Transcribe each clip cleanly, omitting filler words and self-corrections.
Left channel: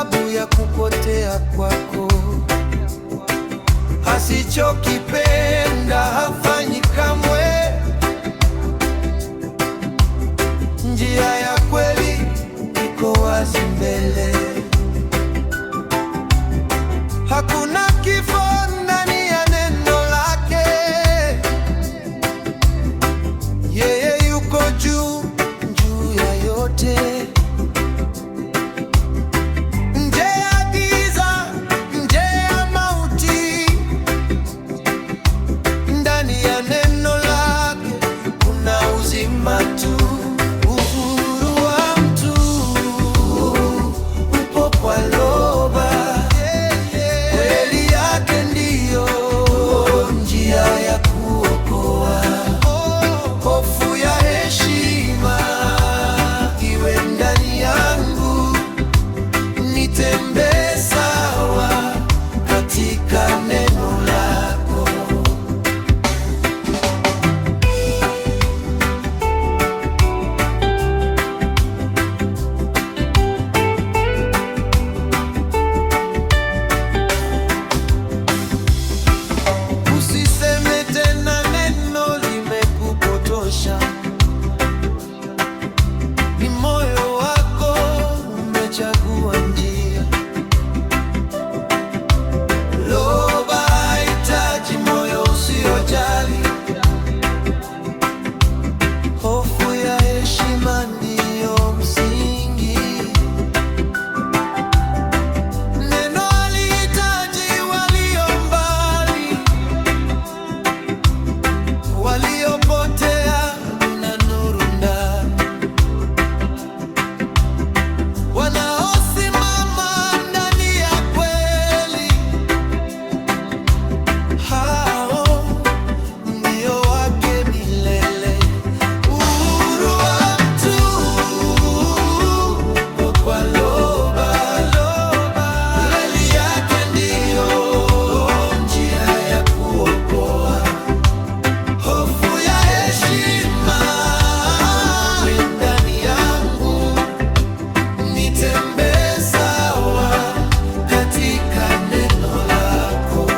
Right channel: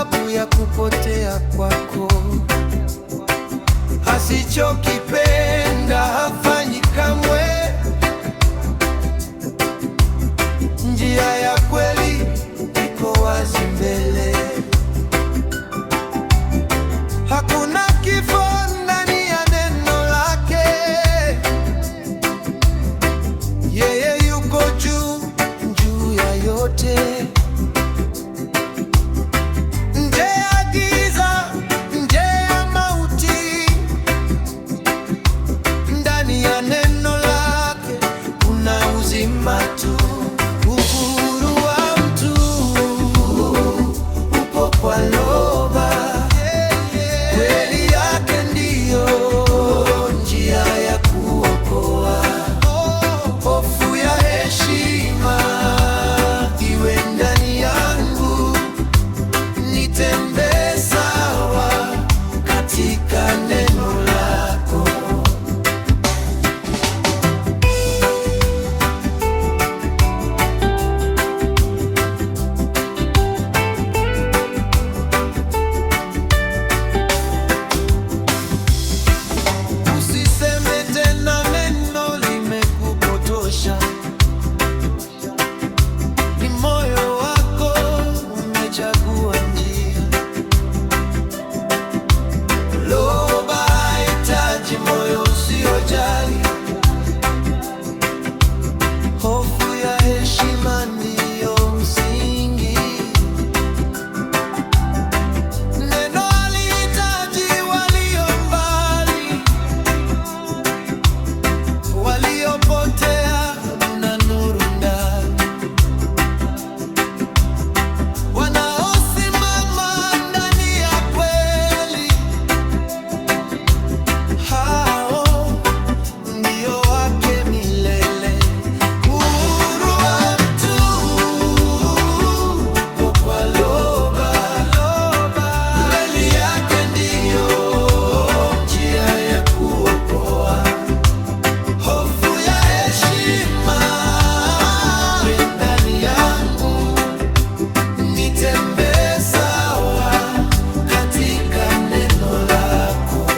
sababu ya kupotea kwako. Asichokipenda hafanyi kamwe. Njia ya kweli iko wazi mbele. Hakuna kifo ndani ya neno lake. Yeye yuko juu ya yote. Nje ya giza, nje ya mauti, ndani ya neno lake kuna uzima tu. Uhuru wa mtu upo kwa Loba. Kweli yake ndiyo njia ya kuokoa. Hofu ya heshima iwe ndani yangu, nitembee sawa katika neno lako. Usiseme tena neno limekupotosha. Ni moyo wako umechagua njia. Loba hahitaji moyo usiojali. Hofu ya heshima ndiyo msingi. Neno halihitaji walio mbali. Waliopotea kuna nuru ndani. Wanaosimama ndani ya kweli, hao ndio wake milele. Uhuru wa mtu uko kwa Loba. Kweli yake ndiyo njia ya kuokoa. Hofu ya heshima iwe ndani yangu, nitembee sawa katika neno lako.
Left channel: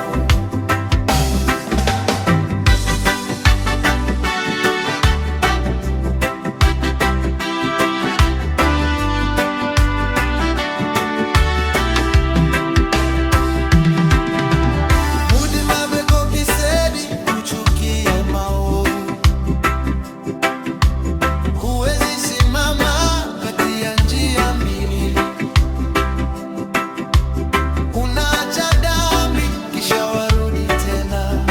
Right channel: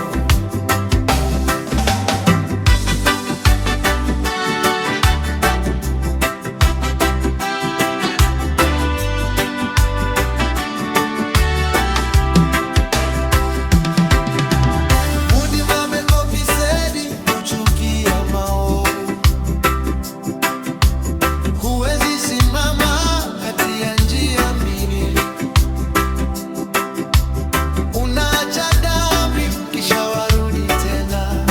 Mudi mabeko kisedi kuchukia maovu. Huwezi simama kati ya njia mbili. Unaacha dhambi kisha warudi tena.